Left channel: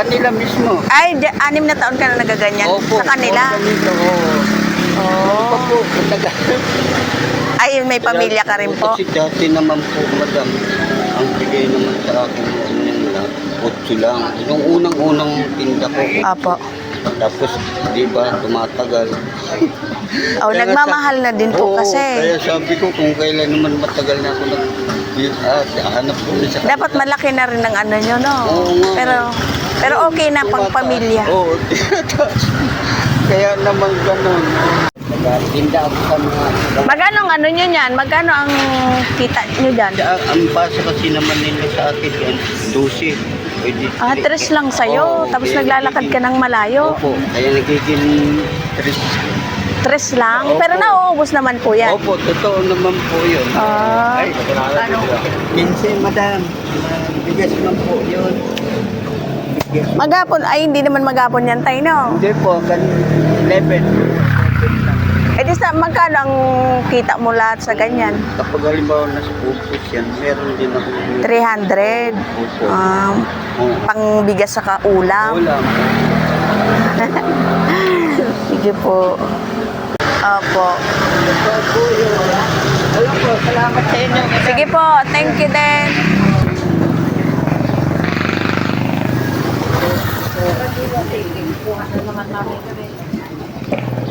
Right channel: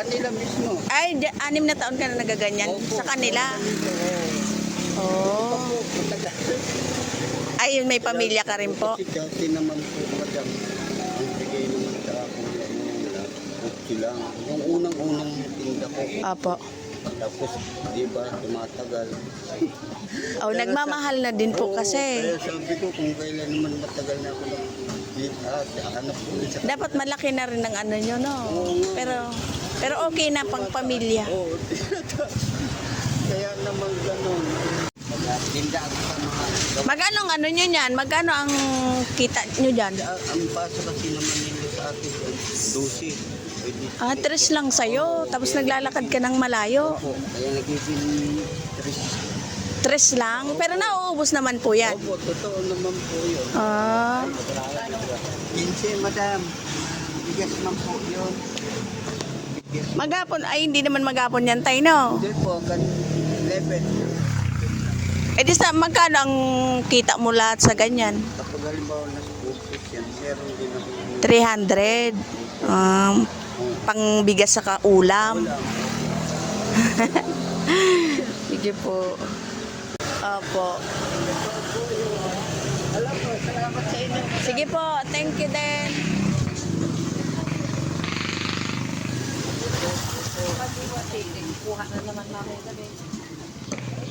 kanila mismo. Ay, di- anim na taon ka na nagaganyan Opo, sa kanila. opo, ganito, oo. Oh. Opo, matagal. Ay, may pamilya ka rin po. Kasi dati naman po, madam, ang bigay naman sa akin, ano yun lang, otso lang. Yung unang-unang tinda ko. Opo. Tapos, di ba, tumatagal. Oh, Kaya nagmamahal na din po Oo, kasi. Kaya sabi ko, kung kailan naman matagal na ako nag... Ah, hanap ko na sa Dapat malaki na rin ang ano nyo, no? Oo nga. Pero, pero okay na pang pamilya. Oo, tinataas. Kaya naman ganun. Nagtinda ako sa mga... Magkano ang ano nyo yan? Magkano ang kita nyo dyan? Ah, ang basa kasi naman nila sa akin yan, 12. Pwede. Ah, tres lang sa'yo. Oo, Tapos kaya naglalakad ka ng malayo. Opo, kaya nagiging tres. Tres lang. Opo. Pero nauubos naman po yan. Opo, totoo naman po yun. Ah. Ay, ano? 15, madam. Ah, Bigas man po yun. Magapon. Ay, hindi naman magapon yan tayo, no? Hindi po, kan 11. Eh, di sa magkano ang kita mo lahat sa ganyan? Kapag halimbawa nasa upos yan, meron din ako. 300. Opo. Um, Oo. pang bigas sa kaulam. Ulam. Sige po. Opo. Alam po, salamat sa inyo. Sige po. Thank you din. 全然。